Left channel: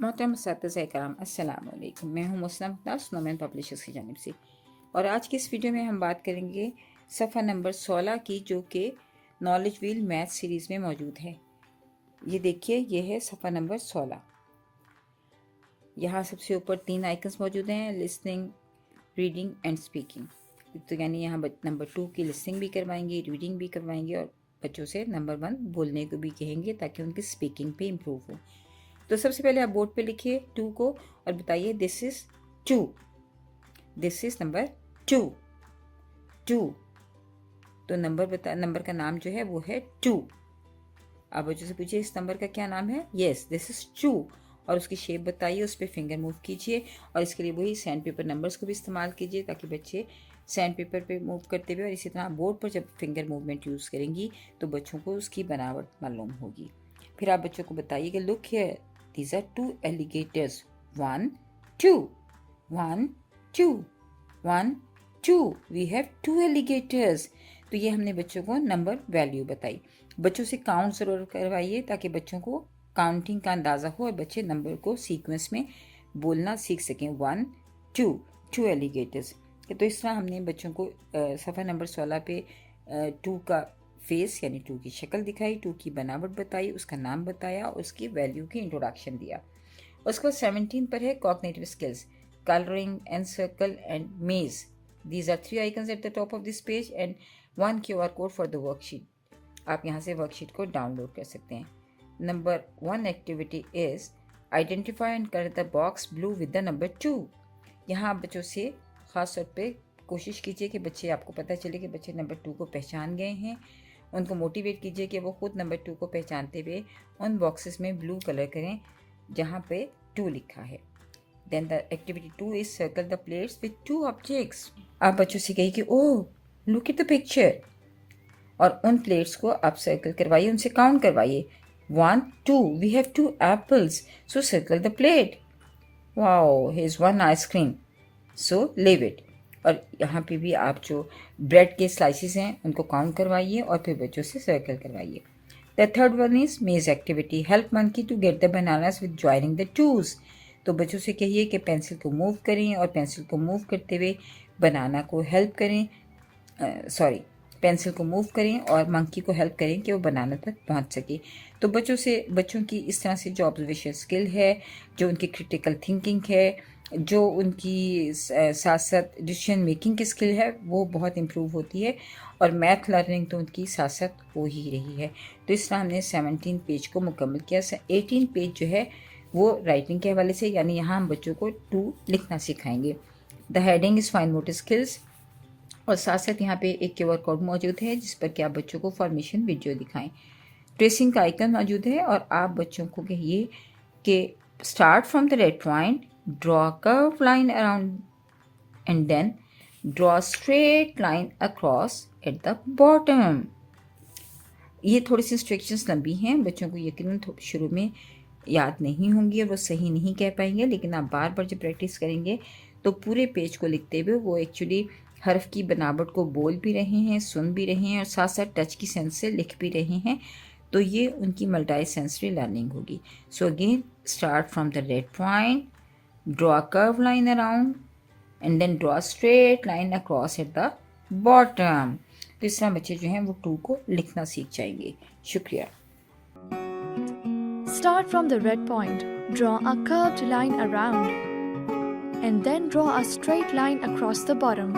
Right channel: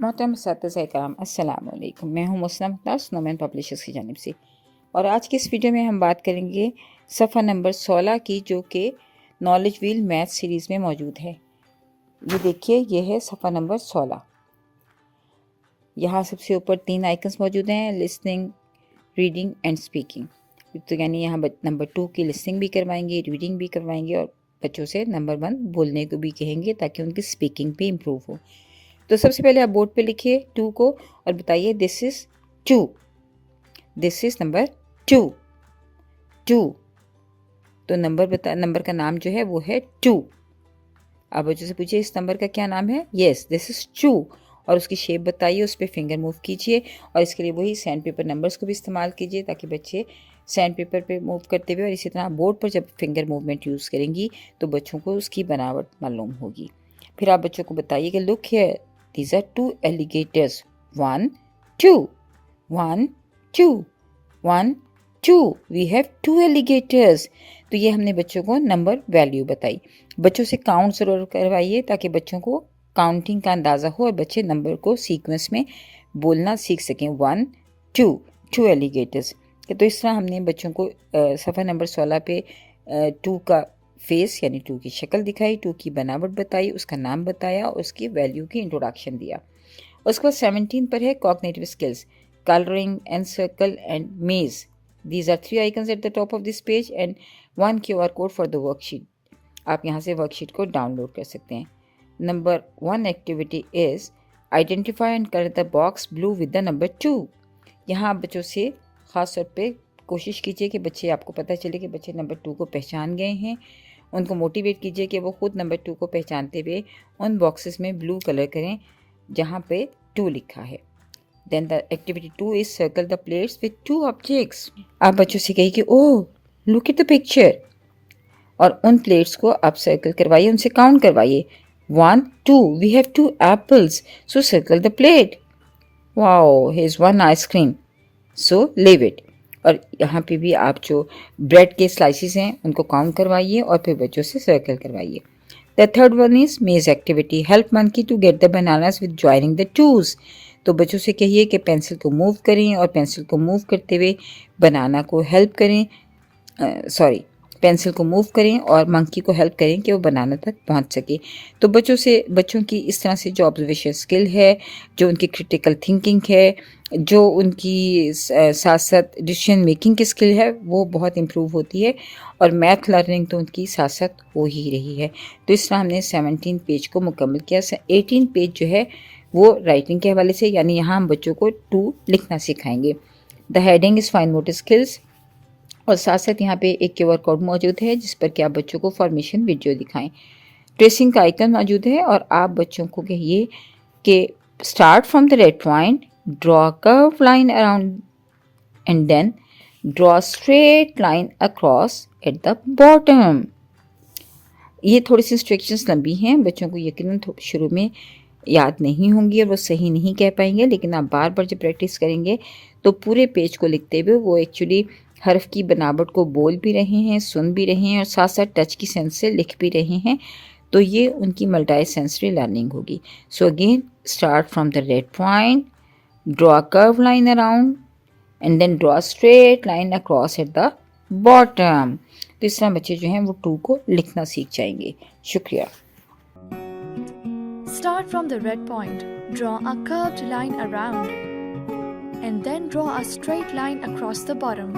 मोहतरम असातिज़ा इकराम अस्सलाम वालेकुम। मैं हूँ मुस्लिम मुमताज़ स्नोमैन पब्लिशर्स की जानिब से, और आज की इस वीडियो में हम बात करेंगे सफ़ा नंबर 16 की, जो कि नॉलेज व्हील मैथ सीरीज़ में मौजूद है। ये देखिए, ये है सफ़ा नंबर 16। यहाँ सबसे ऊपर 3 आइकन्स मौजूद हैं, लिसनिंग, रीडिंग एंड स्पीकिंग। तो यानी यहाँ नंबर 2 की लिसनिंग भी करवाएंगे, रीडिंग भी करवाएंगे, और बच्चों से नंबर 1 बोलने को भी कहेंगे ताकि उनकी स्पीकिंग भी इम्प्रूव हो। तो सबसे पहले आप बोर्ड पे लिखिए 2 को और बताइए this is 2, this is number 2, 2। तो नंबर का नाम जो है वो है 2। आप बच्चों से पूछिए इस नंबर का क्या नाम है। Yes, this is 2। और उसकी शेप बताइए, उस पर फिंगर मूव कीजिए, और इसके लिए वही सैंड पेपर नंबर्स को भी इस्तेमाल कीजिए ताकि बच्चे सैंड पेपर पे मूव करते हुए, और इसी तरह बोर्ड पर जब फिंगर मूवमेंट यूज़ करेंगी तो बच्चों को उसकी बनावट मालूम होगी। फिर आप बच्चों को बताइए कि look here, these are 2 alligators, 1 2 1 2 1 2, we have 2 alligators। तो ये हमने बच्चों को नंबर वैल्यू बताई। बच्चों से काउंट ज़रूर करवाइए ताकि बच्चों को काउंटिंग का अंदाज़ा हो और बच्चे नंबर को सीक्वेंस में बोलना सीख सकें। 1 2 2 एलिगेटर्स। तो इस तरह हमने बच्चों को सफ़ा नंबर 16 पे 2 का फेस यानी 2 की शक्ल दिखाई, 2 की बनावट बताई, उसका नाम बताया, उसकी वैल्यू की इंट्रोडक्शन दिया। उसके बाद 17 पर है cognitive skills, colouring and circle and maze. These are 3 icons at the top of this page and 1 QR code for the worksheet. आप यहाँ से वर्कशीट को डाउनलोड कर सकते हैं। Number 1 activity is identify and colour the box blue with the number 2। यहाँ आप बच्चों से ख़ास तौर पे कोशिश कीजिए कि बच्चे, आपको पता चले कि बच्चे नंबर 2 को पहचान गए हैं। उनको मोटिवेट कीजिए कि वो खुद नंबर 2 को पहचानते हुए उन बॉक्सेस में ब्लू कलर करें जहाँ पे 2 लिखा है। Then the activity 2 is circle the plates with 2 objects. आप बच्चों से कहिए कि oh look at the picture, और उन प्लेट्स को आप सर्कल करवाइए, उनसे काउंट करवाइए। 1 2, we have 2 apples, so circle the plate. Wow, here is 1 ice cream, so leave it. और यहाँ पे भी आप जो ब्रेड के स्लाइसिस हैं उनको काउंट करवाइए और फिर बच्चों से सर्कल करवाइए। The third one is maze activity, help monkey to get the bananas with joining the tools. तो बच्चों से कहिए कि पेंसिल को मूव करें और पेंसिल को मूव करते हुए बनाना को हेल्प करें, पेंसिल को मूव करें और मंकी को हेल्प करें कि वो बनाना तक पहुंच सके। तो बच्चों की इस तरह से जो ऑब्जर्वेशन स्किल है, जो उनकी क्रिटिकल थिंकिंग है, जो उनकी साथ साथ डिसीजन मेकिंग की स्किल है, वो बहुत इम्प्रूव होती है, और मैथ लर्निंग तो उनकी साथ साथ हो ही रही है। तो इस तरह हमने 17 पेज को मुकम्मल किया। 18 पेज जो है वो राइटिंग के हवाले से, यानी यहाँ हम बच्चों को 2 लिखना सिखाएंगे। The heading is fine motor skills, और साथ साथ यहाँ पे एक QR कोड मौजूद है जिस पर कि आप बच्चों को फॉर्मेशन वीडियो दिखाएं। ट्रेसिंग का आइकन मौजूद है, और आप बच्चों को कहिए कि start from the red point, draw curve line around and then draw straight line across at the bottom. ये थोड़ी सी इंस्ट्रक्शंस लंबी हैं, बच्चों को यकीनन शुरू में याद नहीं होंगी और वो सही नहीं कह पाएंगे, लेकिन आप बार बार जब प्रैक्टिस करेंगे तो पूरे पेज को लिखते हुए वो एक्चुअली हर्फ की बनावट को बोल भी रहे हैं, सुन भी रहे हैं, और साथ साथ टच की सेंस से लिख भी रहे हैं। तो ये उनकी मल्टी सेंसरी लर्निंग होगी। So again, start from the red point, draw curve line around and then draw straight line across at the bottom. तो इस तरह बच्चे जो हैं वो 2 को लिखना सीख जाएंगे। शुक्रिया। Start from the red point, draw a curved line around, and then draw a straight line across the bottom.